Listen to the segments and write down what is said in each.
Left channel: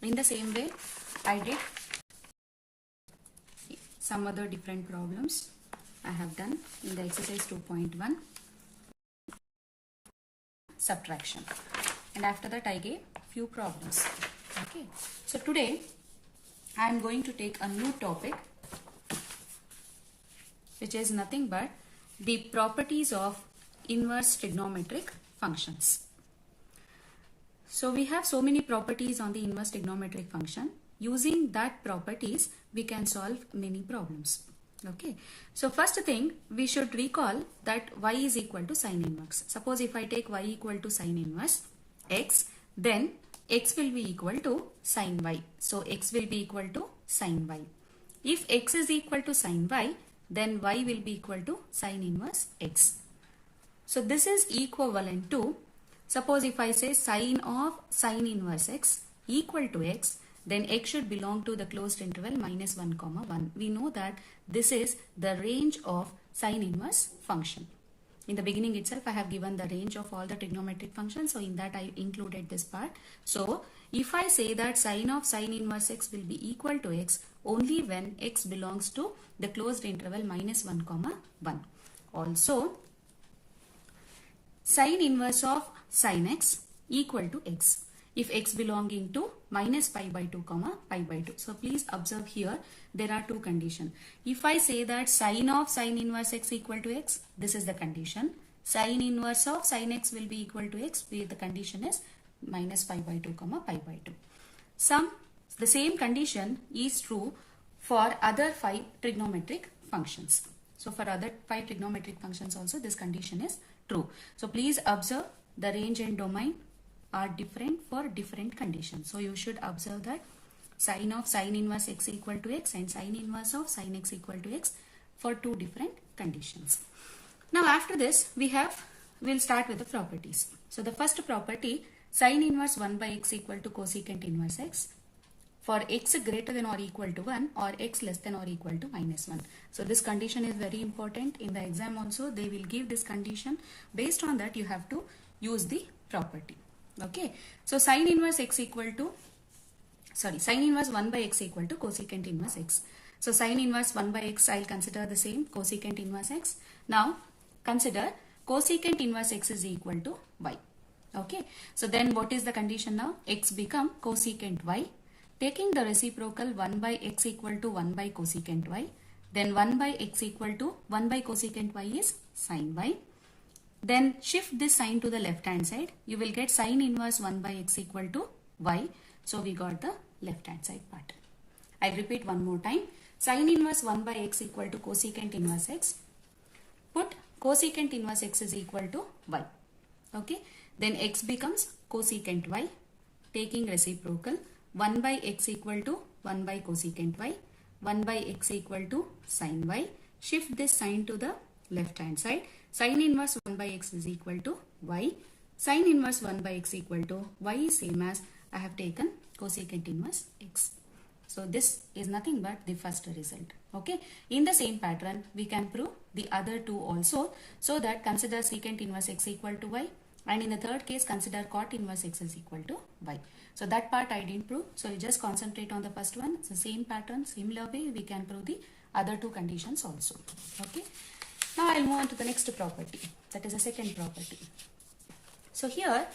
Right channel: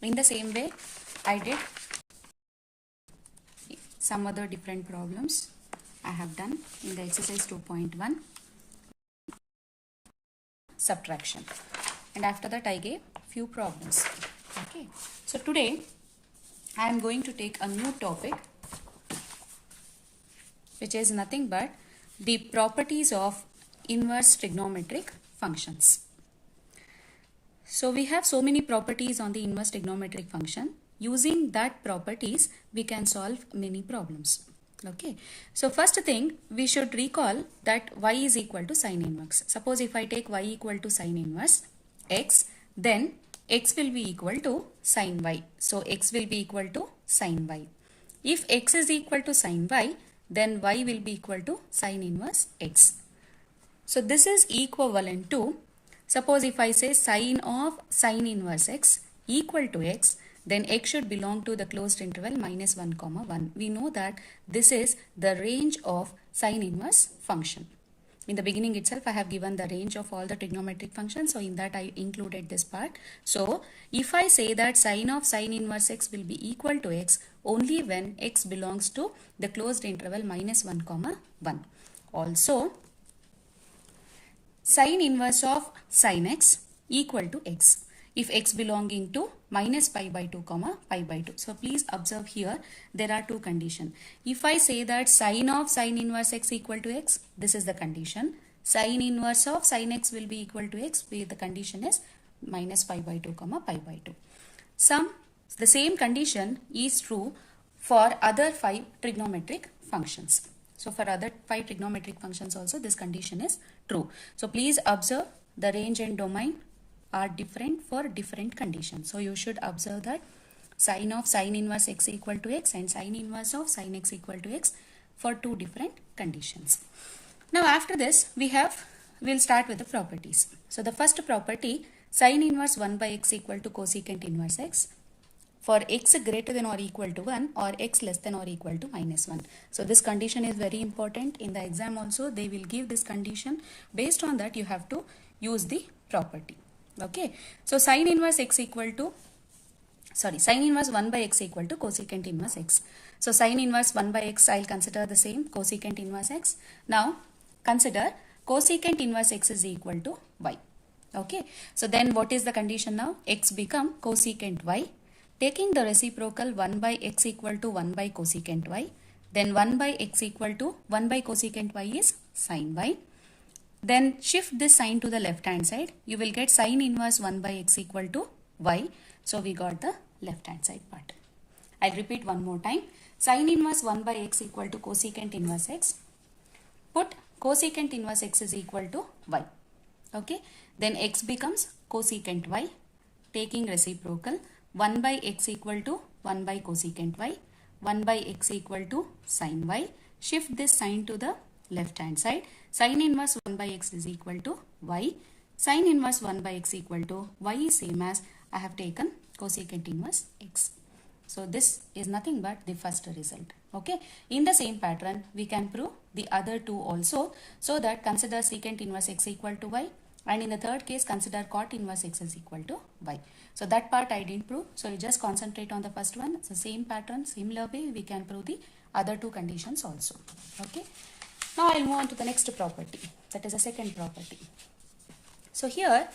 In the same way, I did some other different problems I have done in the exercise 2.1 subtraction, and after that I gave few problems. Okay, so today I am going to take a new topic, which is nothing but the properties of inverse trigonometric functions. So we have so many properties on the inverse trigonometric function. Using that properties, we can solve many problems. Okay. So first thing, we should recall that y is equal to sine inverse. Suppose if I take y equal to sine inverse x, then x will be equal to sine y. So x will be equal to sine y. If x is equal to sine y, then y will be equal to sine inverse x. So this is equivalent to, suppose if I say sine of sine inverse x equal to x, then x should belong to the closed interval minus 1 comma 1. We know that this is the range of sine inverse function. In the beginning itself, I have given the range of all the trigonometric functions. So in that I included this part. So if I say that sine of sine inverse x will be equal to x only when x belongs to the closed interval minus 1 comma 1. Also, sine inverse of sine x equal to x if x belonging to minus pi by 2 comma pi by 2. So please observe here there are two conditions. If I say that sine of sine inverse x equal to x, this is the condition. Sine inverse of sine x will be equal to x, where the condition is minus pi by 2 comma pi by 2. The same condition is true for other 5 trigonometric functions. So for other 5 trigonometric functions also this condition is true. So please observe the range and domain are different for different conditions. So you should observe that sine of sine inverse x equal to x and sine inverse of sine x equal to x for 2 different conditions. Now after this we'll start with the properties. So the first property, sine inverse 1 by x equal to cosecant inverse x for x greater than or equal to 1 or x less than or equal to minus 1. So this condition is very important. In the exam also they will give this condition. Based on that you have to use the property. Okay. So sine inverse 1 by x equal to cosecant inverse x. So sine inverse 1 by x I'll consider the same, cosecant inverse x. Now consider cosecant inverse x is equal to y. Okay. So then what is the condition now? X become cosecant y. Taking the reciprocal 1 by x equal to 1 by cosecant y, then 1 by x equal to 1 by cosecant y is sine y. Then shift this sign to the left hand side. You will get sine inverse 1 by x equal to y. So we got the left hand side part. I'll repeat one more time. Sine inverse 1 by x equal to cosecant inverse x. Put cosecant inverse x is equal to y. Okay. Then x becomes cosecant y. Taking reciprocal 1 by x equal to 1 by cosecant y. 1 by x equal to sine y. Shift this sign to the left hand side. Sine inverse 1 by x is equal to y. Sine inverse 1 by x equal to y is same as I have taken cosecant inverse x. So this is nothing but the first result. Okay. In the same pattern we can prove the other two also. So that consider secant inverse x equal to y, and in the third case consider cot inverse x is equal to y. So that part I didn't prove. So you just concentrate on the first one. So same pattern, similar way we can prove the other two conditions also. Okay. Now I'll move on to the next property, that is the second property. So here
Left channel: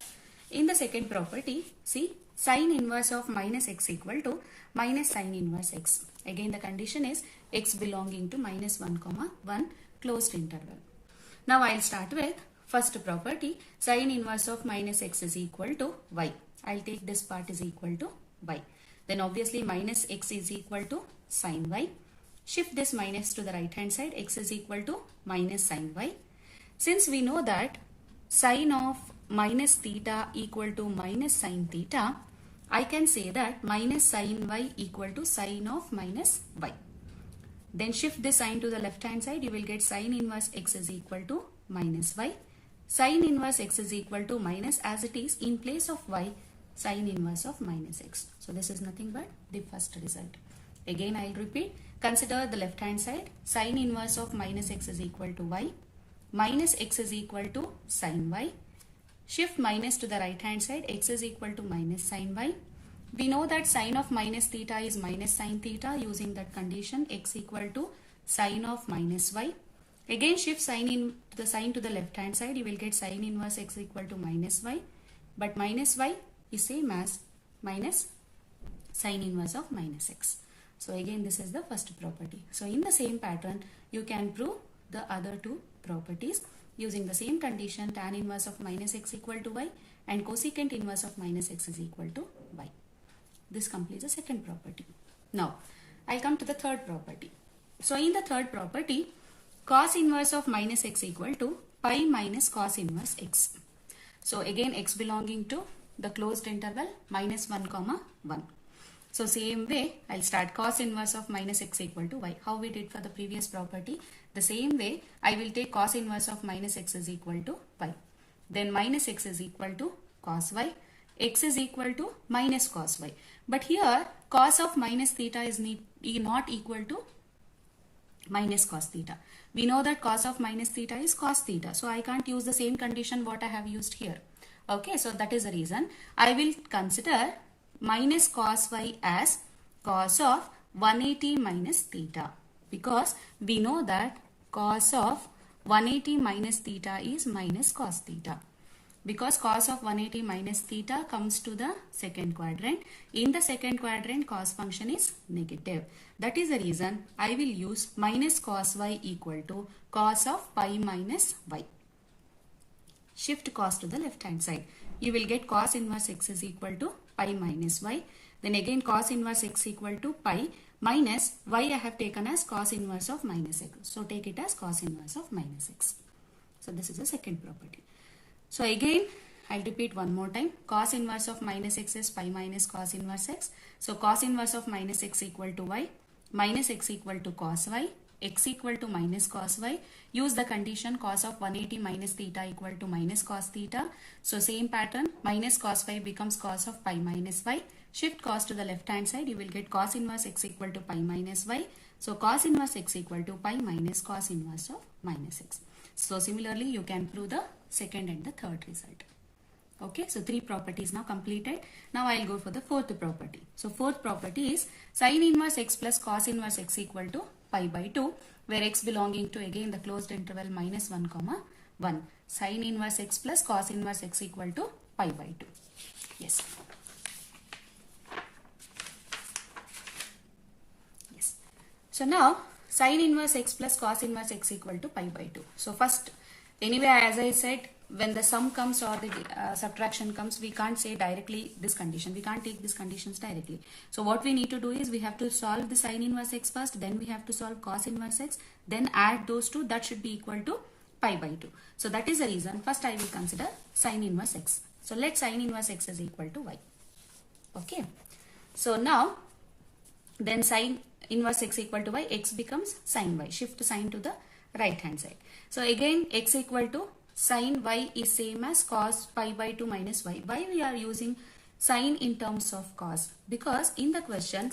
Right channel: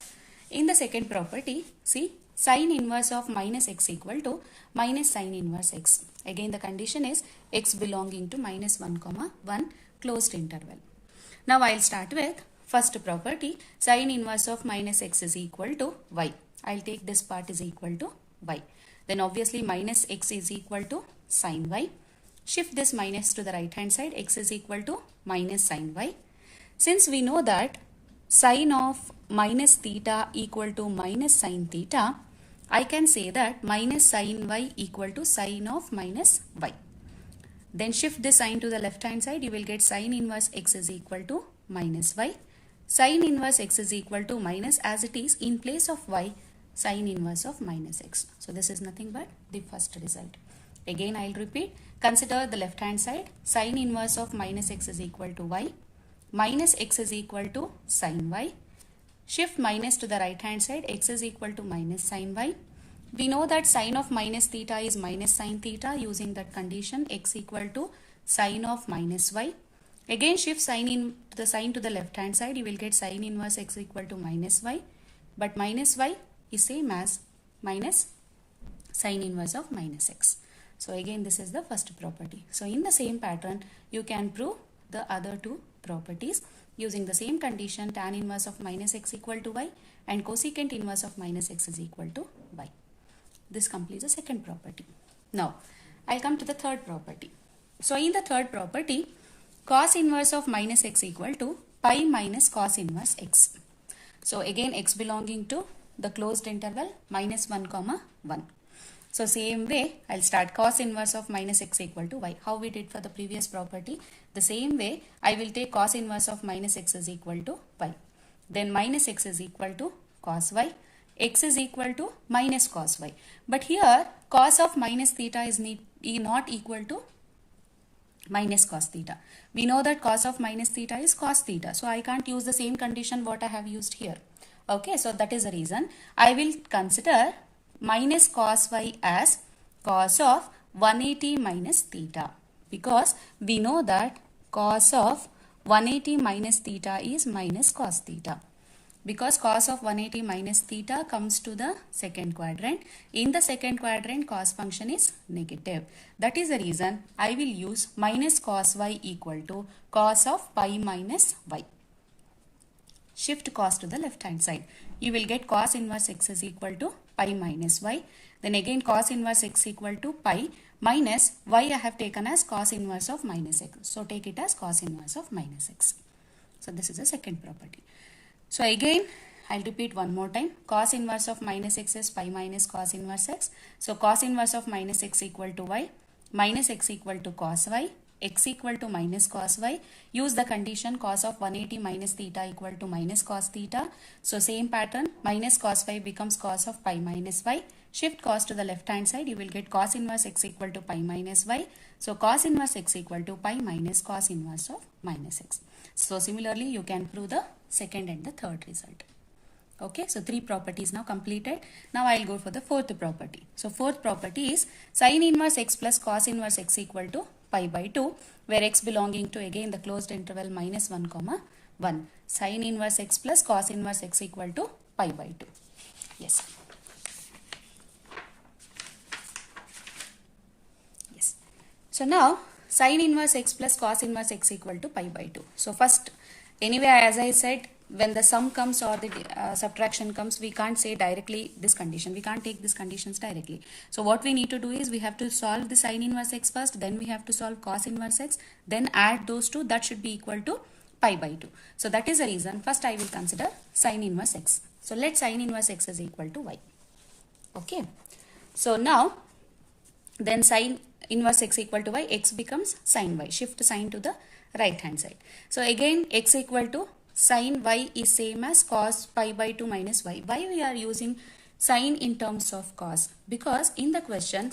in the second property, see sine inverse of minus x equal to minus sine inverse x. Again the condition is x belonging to minus 1 comma 1 closed interval. Now I'll start with first property, sine inverse of minus x is equal to y. I'll take this part is equal to y. Then obviously minus x is equal to sine y. Shift this minus to the right hand side, x is equal to minus sine y. Since we know that sine of minus theta equal to minus sine theta, I can say that minus sine y equal to sine of minus y. Then shift this sign to the left hand side, you will get sine inverse x is equal to minus y. Sine inverse x is equal to minus, as it is in place of y, sine inverse of minus x. So this is nothing but the first result. Again I will repeat, consider the left hand side, sine inverse of minus x is equal to y, minus x is equal to sine y. Shift minus to the right hand side, x is equal to minus sine y. we know that sine of minus theta is minus sine theta. Using that condition, x equal to sine of minus y. Again shift sine to the left hand side. You will get sine inverse x equal to minus y. But minus y is same as minus sine inverse of minus x. So again this is the first property. So in the same pattern you can prove the other two properties using the same condition, tan inverse of minus x equal to y and cosecant inverse of minus x is equal to y. This completes the second property. Now I'll come to the third property. So in the third property, cos inverse of minus x equal to pi minus cos inverse x. So again x belonging to the closed interval minus 1 comma 1. So same way I'll start cos inverse of minus x equal to y. How we did for the previous property. The same way I will take cos inverse of minus x is equal to y. Then minus x is equal to cos y. X is equal to minus cos y. But here cos of minus theta is not equal to minus cos theta. We know that cos of minus theta is cos theta. So I can't use the same condition what I have used here. Okay, so that is the reason I will consider minus cos y as cos of 180 minus theta. Because we know that cos of 180 minus theta is minus cos theta. Because cos of 180 minus theta comes to the second quadrant. In the second quadrant, cos function is negative. That is the reason I will use minus cos y equal to cos of pi minus y. Shift cos to the left hand side. You will get cos inverse x is equal to pi minus y. Then again cos inverse x equal to pi minus y I have taken as cos inverse of minus x. So take it as cos inverse of minus x. So this is the second property. So again, I'll repeat one more time. Cos inverse of minus x is pi minus cos inverse x. So cos inverse of minus x equal to y. Minus x equal to cos y. X equal to minus cos y. Use the condition cos of 180 minus theta equal to minus cos theta. So same pattern. Minus cos y becomes cos of pi minus y. Shift cos to the left hand side. You will get cos inverse x equal to pi minus y. So cos inverse x equal to pi minus cos inverse of minus x. So similarly, you can prove the second and the third result. Okay, so three properties now completed. Now I will go for the fourth property. So fourth property is sin inverse x plus cos inverse x equal to pi by 2, where x belonging to again the closed interval minus 1 comma 1. Sin inverse x plus cos inverse x equal to pi by 2. Yes. Yes. So now sin inverse x plus cos inverse x equal to pi by 2. So first, anyway, as I said, when the sum comes or the subtraction comes, we can't say directly this condition. We can't take these conditions directly. So what we need to do is we have to solve the sin inverse x first, then we have to solve cos inverse x, then add those two. That should be equal to pi by 2. So that is the reason. First I will consider sin inverse x. So let sin inverse x is equal to y. Okay. So now, then sin inverse x equal to y, x becomes sin y. Shift sin to the right hand side. So again x equal to sin y is same as cos pi by 2 minus y. Why we are using sin in terms of cos? Because in the question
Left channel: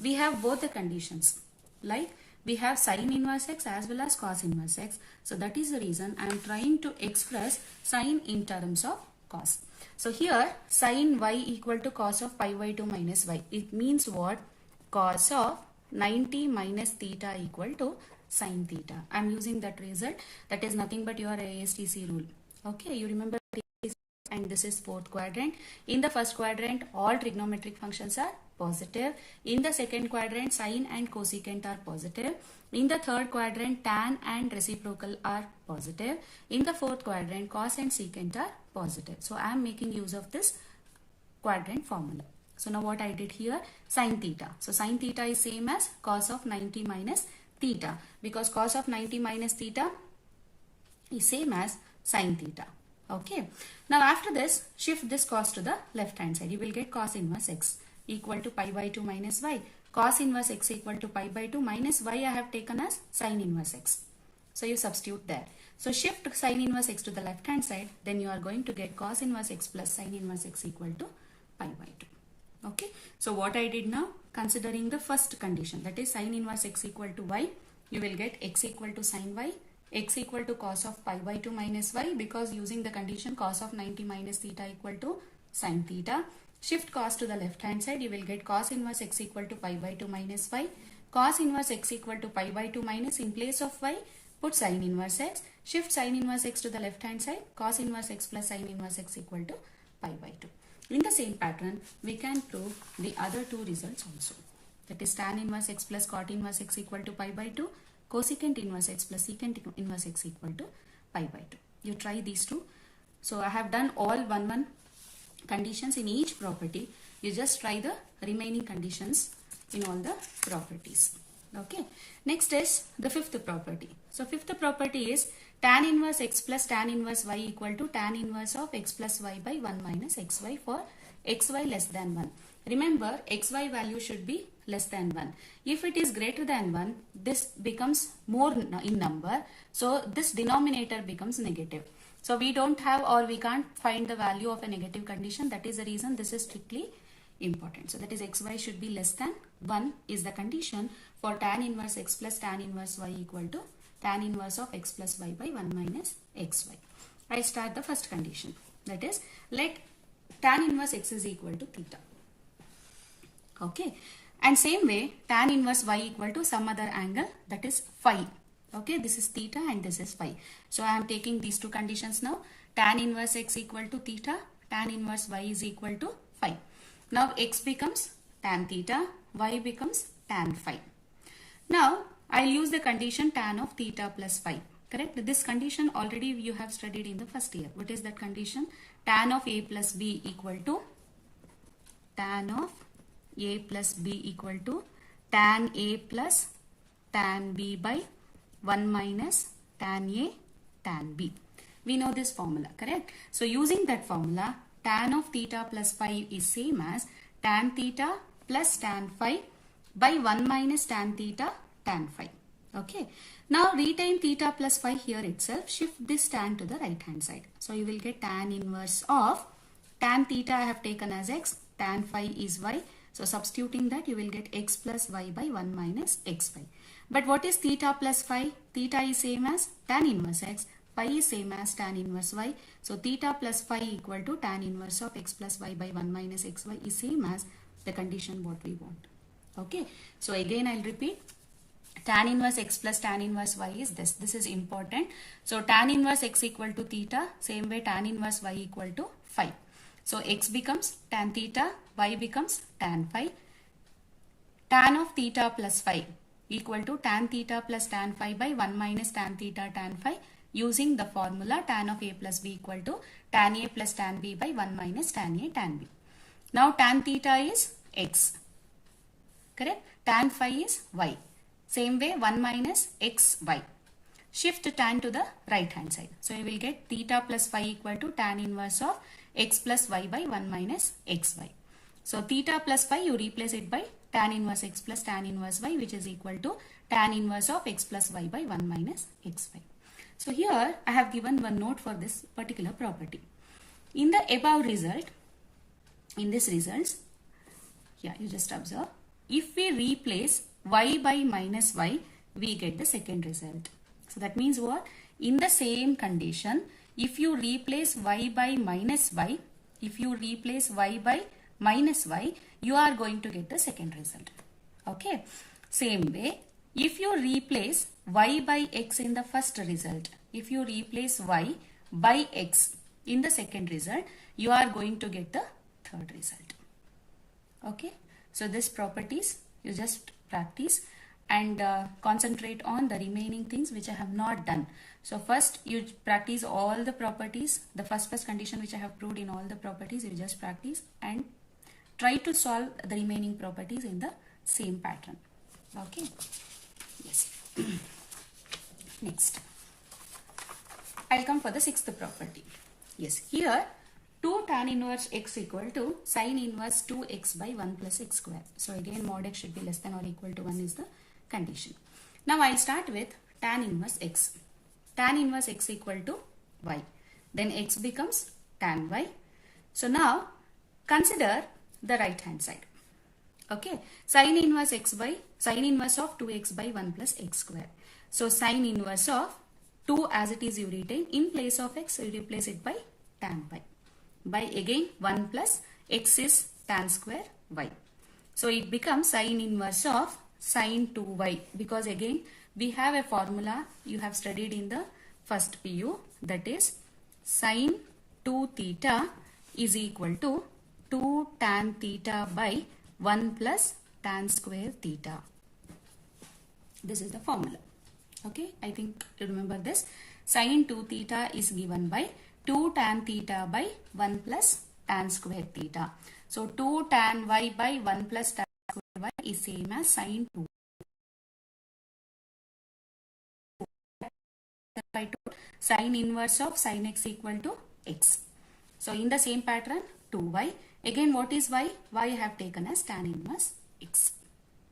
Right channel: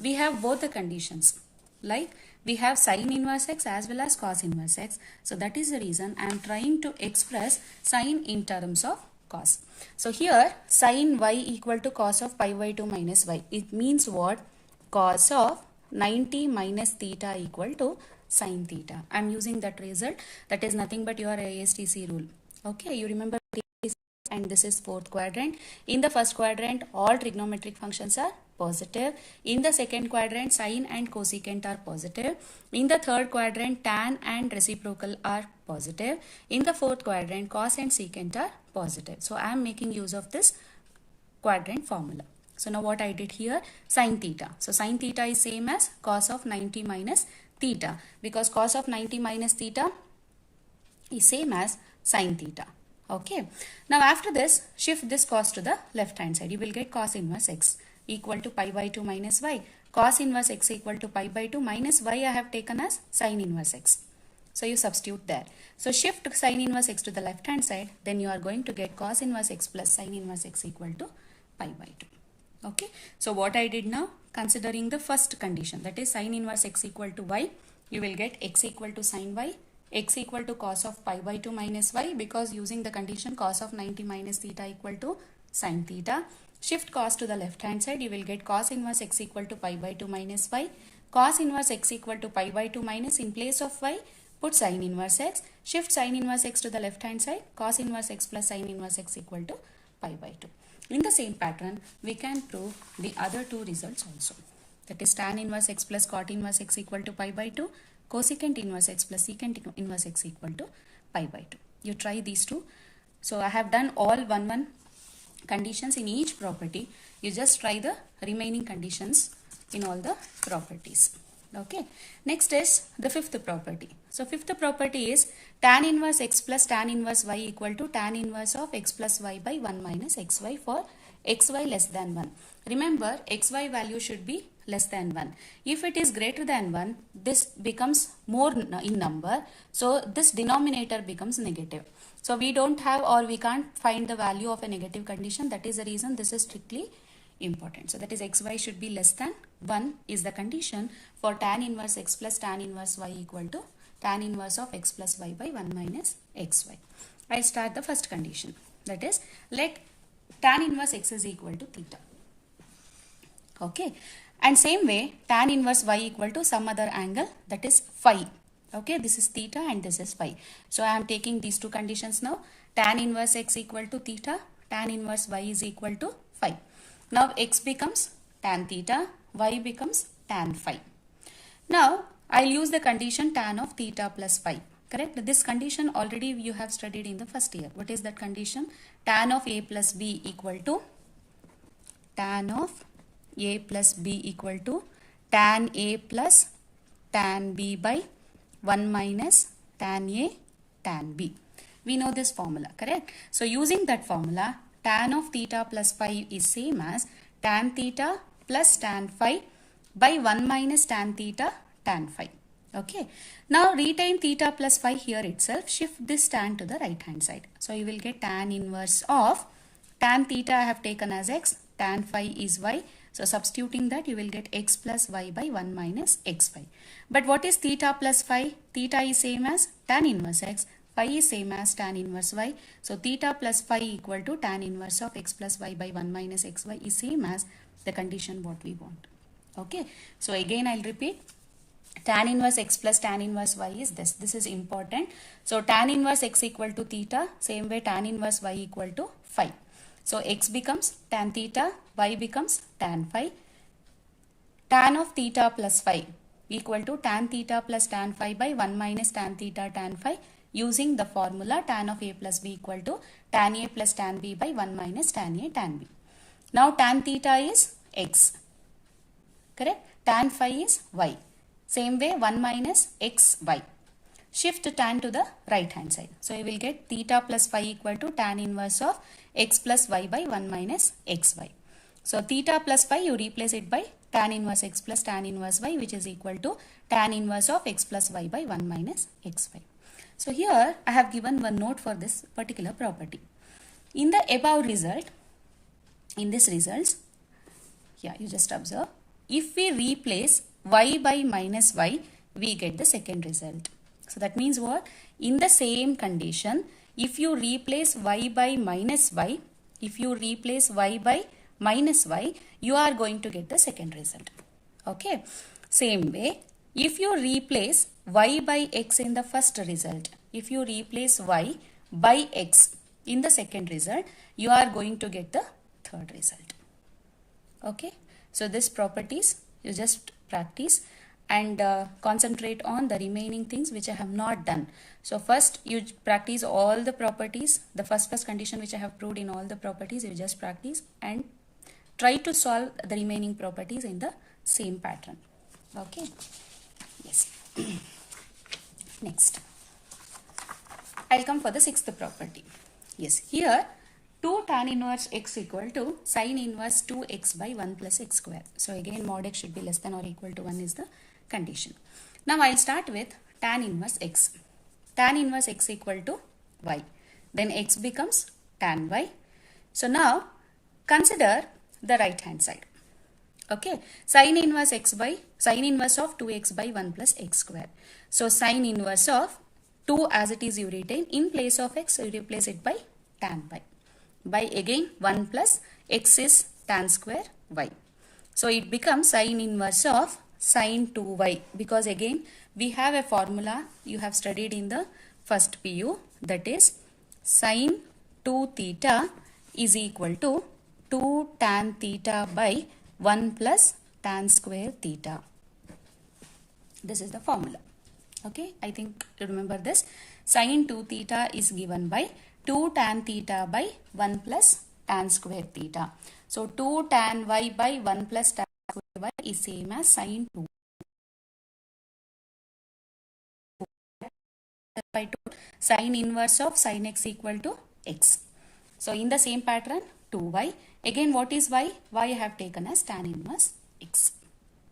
we have both the conditions. Like we have sin inverse x as well as cos inverse x. So that is the reason I am trying to express sin in terms of cos. So here sin y equal to cos of pi by 2 minus y. It means what? Cos of 90 minus theta equal to sin theta. I am using that result. That is nothing but your ASTC rule. Okay, you remember, and this is fourth quadrant. In the first quadrant, all trigonometric functions are positive. In the second quadrant, sine and cosecant are positive. In the third quadrant, tan and reciprocal are positive. In the fourth quadrant, cos and secant are positive. So I am making use of this quadrant formula. So now what I did here, sin theta. So sin theta is same as cos of 90 minus theta, because cos of 90 minus theta is same as sin theta. Okay. Now after this, shift this cos to the left hand side. You will get cos inverse x equal to pi by 2 minus y. Cos inverse x equal to pi by 2 minus y I have taken as sin inverse x. So you substitute there. So shift sin inverse x to the left hand side. Then you are going to get cos inverse x plus sin inverse x equal to pi by 2. Okay. So what I did now, considering the first condition, that is sin inverse x equal to y, you will get x equal to sin y, x equal to cos of pi by 2 minus y, because using the condition cos of 90 minus theta equal to sin theta. Shift cos to the left hand side. You will get cos inverse x equal to pi by 2 minus y. Cos inverse x equal to pi by 2 minus, in place of y, put sin inverse x. Shift sin inverse x to the left hand side. Cos inverse x plus sin inverse x equal to pi by 2. In the same pattern, we can prove the other two results also. That is tan inverse x plus cot inverse x equal to pi by 2. Cosecant inverse x plus secant inverse x equal to pi by 2. You try these two. So I have done all 1 conditions in each property. You just try the remaining conditions in all the properties. Okay. Next is the fifth property. So fifth property is tan inverse x plus tan inverse y equal to tan inverse of x plus y by 1 minus xy for xy less than 1. Remember, xy value should be less than 1. If it is greater than 1, this becomes more in number. So this denominator becomes negative. So we don't have, or we can't find the value of a negative condition. That is the reason this is strictly important. So that is xy should be less than 1 is the condition for tan inverse x plus tan inverse y equal to tan inverse of x plus y by 1 minus xy. I start the first condition. That is, let tan inverse x is equal to theta. Okay. And same way, tan inverse y equal to some other angle, that is phi. Okay, this is theta and this is phi. So I am taking these two conditions now. Tan inverse x equal to theta, tan inverse y is equal to phi. Now x becomes tan theta, y becomes tan phi. Now I'll use the condition tan of theta plus phi. Correct? This condition already you have studied in the first year. What is that condition? Tan of a plus b equal to tan of a plus b equal to tan a plus tan b by 1 minus tan a tan b. We know this formula, correct? So using that formula, tan of theta plus phi is same as tan theta plus tan phi by 1 minus tan theta tan phi. Okay. Now retain theta plus phi here itself. Shift this tan to the right hand side. So you will get tan inverse of tan theta I have taken as x, tan phi is y. So substituting that, you will get x plus y by 1 minus x phi. But what is theta plus phi? Theta is same as tan inverse x. Phi is same as tan inverse y. So theta plus phi equal to tan inverse of x plus y by 1 minus xy is same as the condition what we want. Okay. So again I'll repeat. Tan inverse x plus tan inverse y is this. This is important. So tan inverse x equal to theta. Same way tan inverse y equal to phi. So x becomes tan theta, y becomes tan phi. Tan of theta plus phi equal to tan theta plus tan phi by 1 minus tan theta tan phi, using the formula tan of a plus b equal to tan a plus tan b by 1 minus tan a tan b. Now tan theta is x. Correct? Tan phi is y. Same way 1 minus xy. Shift tan to the right hand side. So you will get theta plus phi equal to tan inverse of x plus y by 1 minus xy. So theta plus phi, you replace it by tan inverse x plus tan inverse y, which is equal to tan inverse of x plus y by 1 minus xy. So here I have given one note for this particular property. In the above result, in this results, yeah, you just observe, if we replace y by minus y, we get the second result. So that means what? In the same condition, if you replace y by minus y, you are going to get the second result. Okay. Same way, if you replace y by x in the first result, if you replace y by x in the second result, you are going to get the third result. Okay. So this properties you just practice and concentrate on the remaining things which I have not done. So first you practice all the properties, the first condition which I have proved in all the properties, you just practice and try to solve the remaining properties in the same pattern. Okay. Yes. Next, I'll come for the sixth property. Yes, here 2 tan inverse x equal to sin inverse 2x by 1 plus x square. So again mod x should be less than or equal to 1 is the condition. Now I'll start with tan inverse x. Tan inverse x equal to y. Then x becomes tan y. So now consider the right hand side. Okay. Sin inverse of 2x by 1 plus x square. So sin inverse of 2 as it is you retain. In place of x, you replace it by tan y. By again 1 plus x is tan square y. So it becomes sin inverse of sin 2y, because again we have a formula you have studied in the first PU, that is sin 2 theta is equal to 2 tan theta by 1 plus tan square theta. This is the formula. Okay, I think you remember this. Sin 2 theta is given by 2 tan theta by 1 plus tan square theta. So 2 tan y by 1 plus tan square y is same as sin 2 by 2 sin inverse of sin x equal to x. So in the same pattern 2y. Again what is y? Y I have taken as tan inverse x.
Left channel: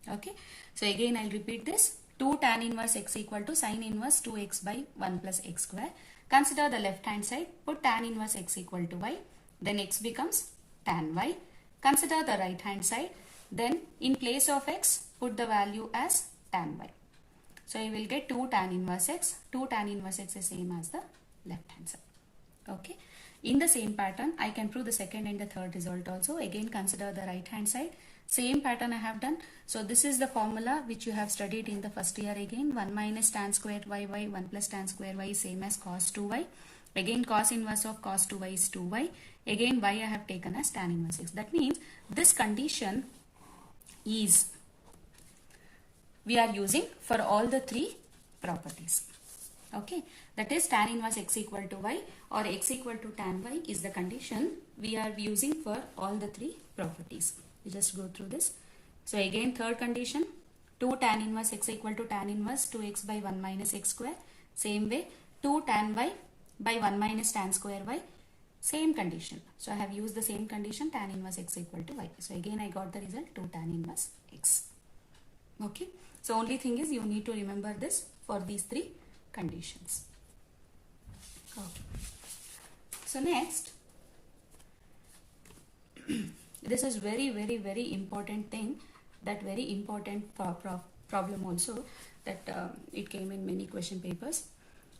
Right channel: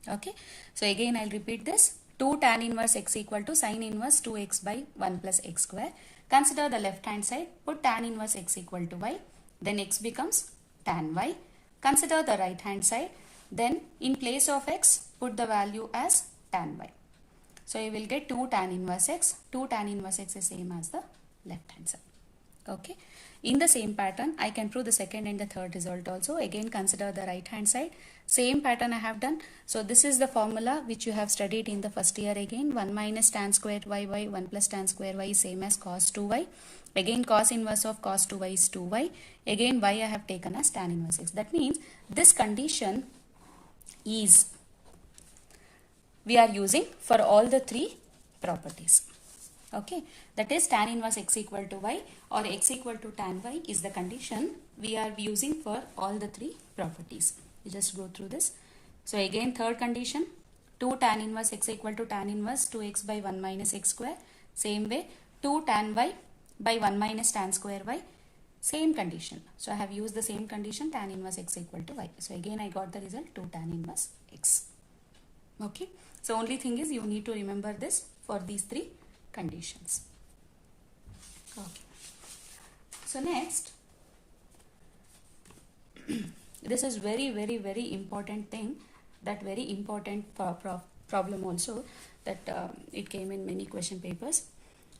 Okay. So again I'll repeat this. 2 tan inverse x equal to sin inverse 2x by 1 plus x square. Consider the left hand side. Put tan inverse x equal to y. Then x becomes tan y. Consider the right hand side. Then in place of x, put the value as tan y. So you will get 2 tan inverse x. 2 tan inverse x is same as the left hand side. Okay. In the same pattern, I can prove the second and the third result also. Again, consider the right hand side. Same pattern I have done. So this is the formula which you have studied in the first year again. 1 minus tan square y, 1 plus tan square y is same as cos 2y. Again, cos inverse of cos 2y is 2y. Again, y I have taken as tan inverse x. That means this condition is we are using for all the three properties. Okay, that is tan inverse x equal to y or x equal to tan y is the condition we are using for all the three properties. We just go through this. So again, third condition, 2 tan inverse x equal to tan inverse 2x by 1 minus x square. Same way, 2 tan y by 1 minus tan square y. Same condition. So I have used the same condition, tan inverse x equal to y. So again I got the result 2 tan inverse x. Okay. So only thing is you need to remember this for these three conditions. Okay. So next, this is very important thing, that very important problem also that it came in many question papers.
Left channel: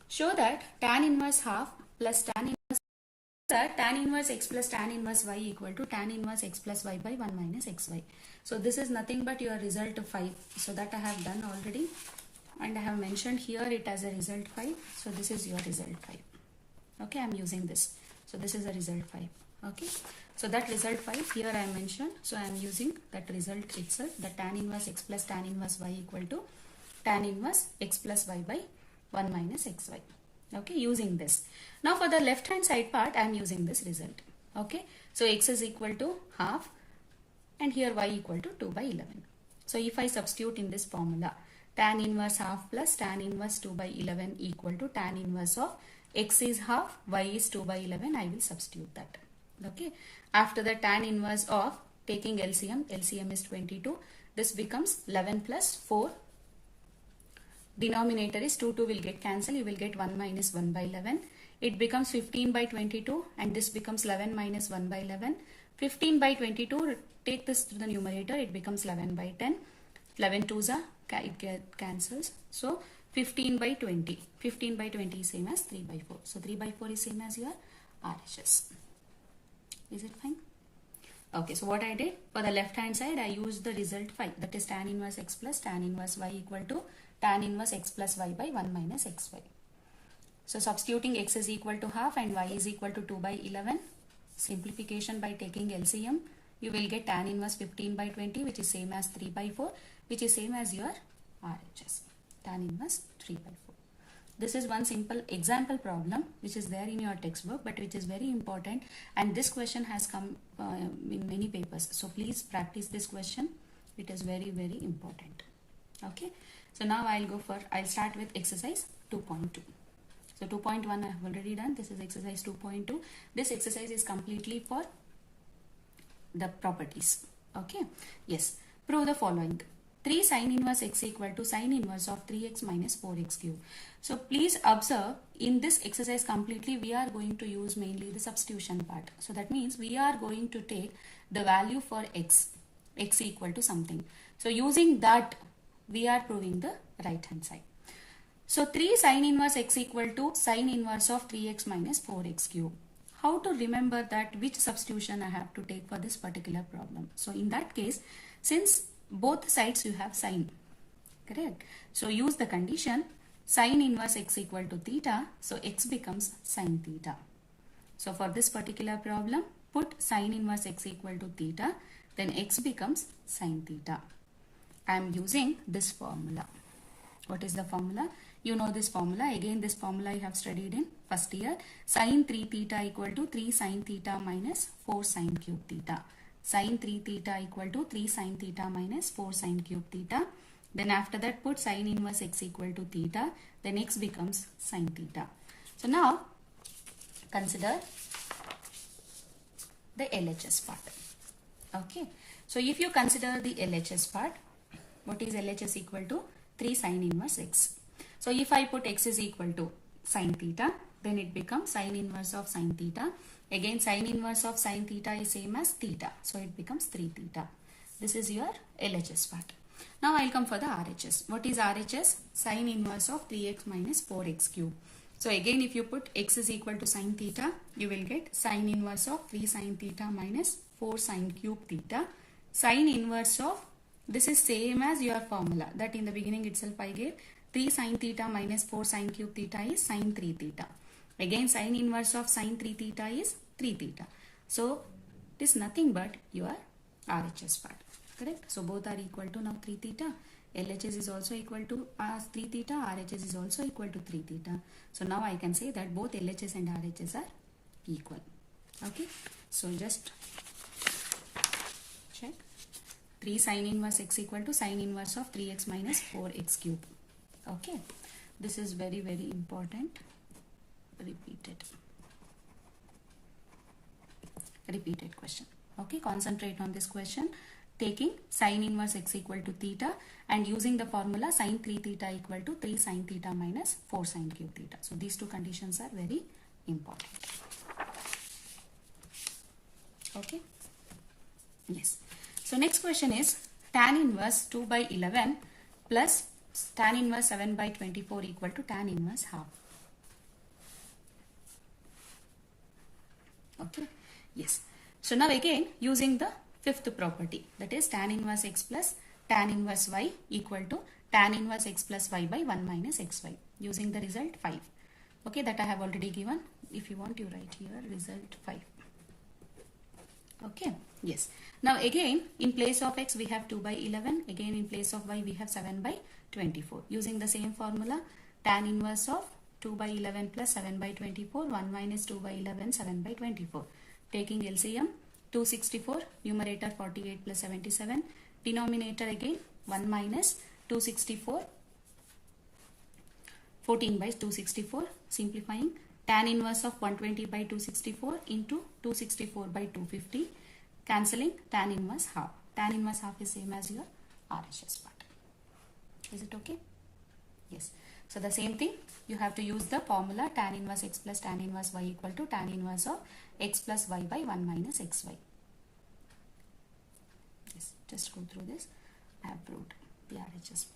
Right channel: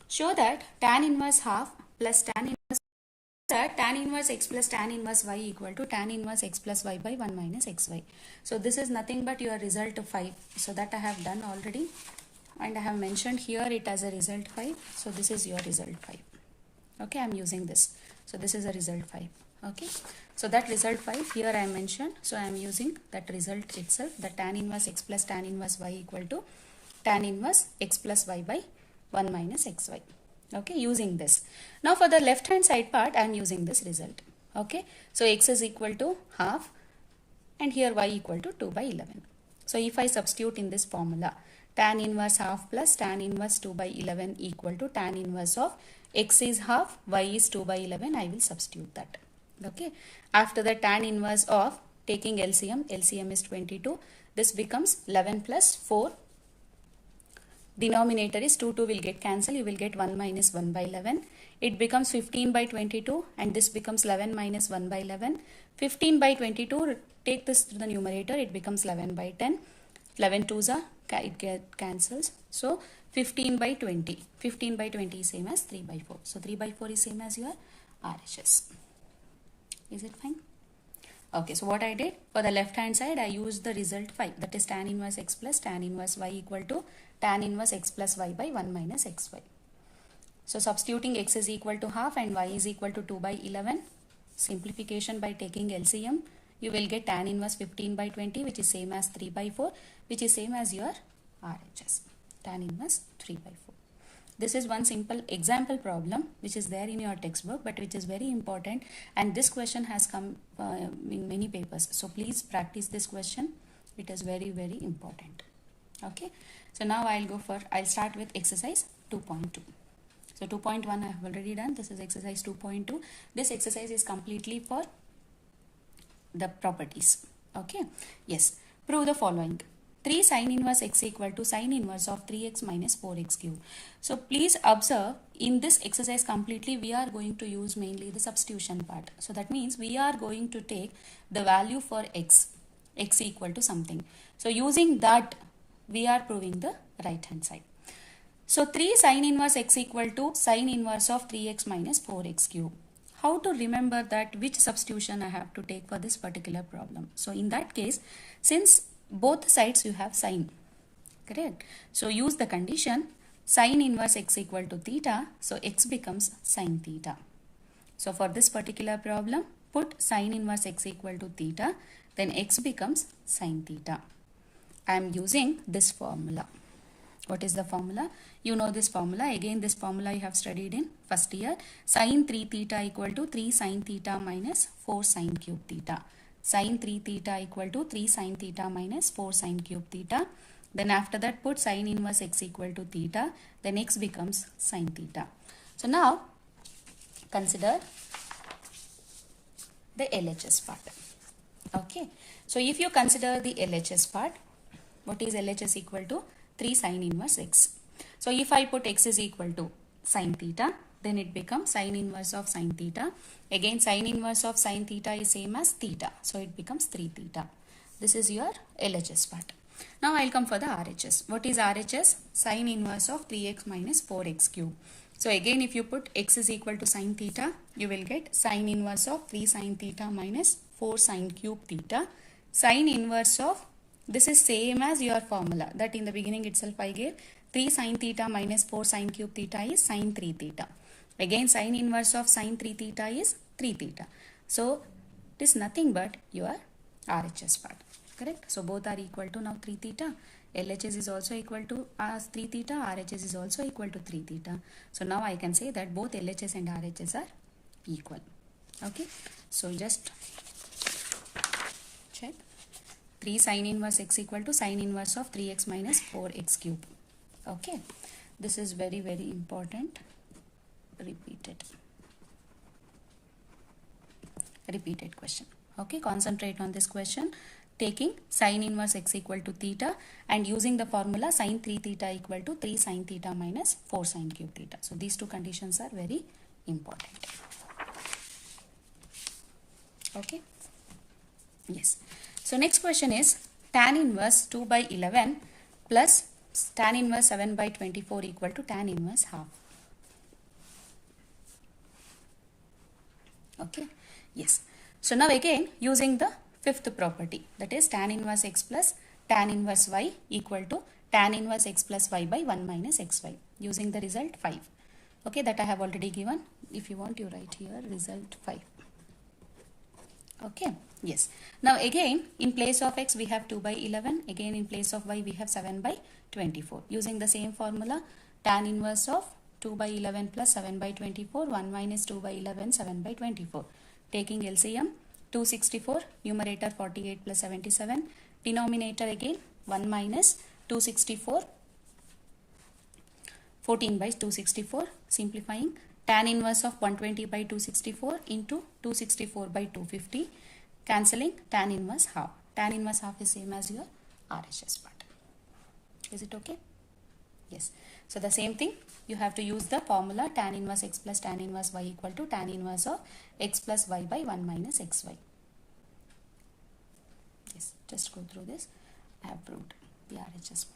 Show that tan inverse half plus tan inverse x plus tan inverse y equal to tan inverse x plus y by 1 minus xy. So this is nothing but your result 5. So that I have done already and I have mentioned here it as a result 5. So this is your result 5. Okay, I am using this. So this is a result 5. Okay, so that result 5 here I mentioned. So I am using that result itself, the tan inverse x plus tan inverse y equal to tan inverse x plus y by 1 minus xy. Okay, using this. Now for the left hand side part I am using this result. Okay, so x is equal to half and here y equal to 2 by 11. So if I substitute in this formula, tan inverse half plus tan inverse 2 by 11 equal to tan inverse of x is half, y is 2 by 11, I will substitute that. Okay, after the tan inverse of taking LCM is 22, this becomes 11 plus 4. Denominator is 2 will get cancelled, you will get 1 minus 1 by 11. It becomes 15 by 22 and this becomes 11 minus 1 by 11. 15 by 22, take this to the numerator, it becomes 11 by 10. 11 2s are, it cancels. So 15 by 20. 15 by 20 is same as 3 by 4. So 3 by 4 is same as your RHS. Is it fine? Okay, so what I did, for the left hand side I used the result 5, that is tan inverse x plus tan inverse y equal to tan inverse x plus y by 1 minus xy. So substituting x is equal to half and y is equal to 2 by 11. Simplification by taking LCM, you will get tan inverse 15 by 20 which is same as 3 by 4 which is same as your RHS. Tan inverse 3 by 4. This is one simple example problem which is there in your textbook but which is very important, and this question has come in many papers. So please practice this question. It is very important. Okay. So now I'll start with exercise 2.2. So 2.1 I have already done. This is exercise 2.2. This exercise is completely for the properties. Okay. Yes. Prove the following. 3 sin inverse x equal to sin inverse of 3x minus 4x cube. So please observe, in this exercise completely we are going to use mainly the substitution part. So that means we are going to take the value for x equal to something. So using that we are proving the right hand side. So 3 sin inverse x equal to sin inverse of 3x minus 4x cube. how to remember that which substitution I have to take for this particular problem. So in that case, since both sides you have sine, correct? So use the condition sine inverse x equal to theta. So x becomes sine theta. So for this particular problem, put sine inverse x equal to theta, then x becomes sine theta. I am using this formula. What is the formula? You know this formula. Again, this formula you have studied in first year. Sine 3 theta equal to 3 sine theta minus 4 sine cube theta. Sine 3 theta equal to 3 sine theta minus 4 sine cube theta. Then after that, put sine inverse x equal to theta. Then x becomes sine theta. So now, consider the LHS part. Okay. So if you consider the LHS part, what is LHS equal to? 3 sine inverse x. So if I put x is equal to sine theta, then it becomes sine inverse of sine theta. Again, sine inverse of sine theta is same as theta. So it becomes 3 theta. This is your LHS part. Now I'll come for the RHS. What is RHS? Sine inverse of 3x minus 4x cube. So again, if you put x is equal to sine theta, you will get sine inverse of 3 sine theta minus 4 sine cube theta. Sine inverse of, this is same as your formula that in the beginning itself I gave. 3 sine theta minus 4 sine cube theta is sine 3 theta. Again, sine inverse of sine 3 theta is 3 theta. So it is nothing but your RHS part. Correct? So both are equal to now 3 theta. LHS is also equal to 3 theta. RHS is also equal to 3 theta. So now I can say that both LHS and RHS are equal. Okay. So just check. 3 sine inverse x equal to sine inverse of 3x minus 4x cube. Okay. This is very, very important. Repeated question. Okay. Concentrate on this question. Taking sine inverse x equal to theta and using the formula sine 3 theta equal to 3 sine theta minus 4 sine cube theta. So these two conditions are very important. Okay. Yes. So next question is tan inverse 2 by 11 plus tan inverse 7 by 24 equal to tan inverse half. Okay. Yes. So now again using the fifth property, that is tan inverse x plus tan inverse y equal to tan inverse x plus y by 1 minus xy. Using the result 5. Okay, that I have already given. If you want, you write here result 5. Okay. Yes. Now again in place of x we have 2 by 11. Again in place of y we have 7 by 24. Using the same formula, tan inverse of 2 by 11 plus 7 by 24, 1 minus 2 by 11, 7 by 24. Taking LCM, 264, numerator 48 plus 77, denominator again 1 minus 264, 14 by 264, simplifying tan inverse of 120 by 264 into 264 by 250, cancelling tan inverse half. Tan inverse half is same as your RHS part. Is it okay? Yes. So the same thing, you have to use the formula tan inverse x plus tan inverse y equal to tan inverse of x plus y by 1 minus xy. Yes, just go through this. I have proved the RHS part.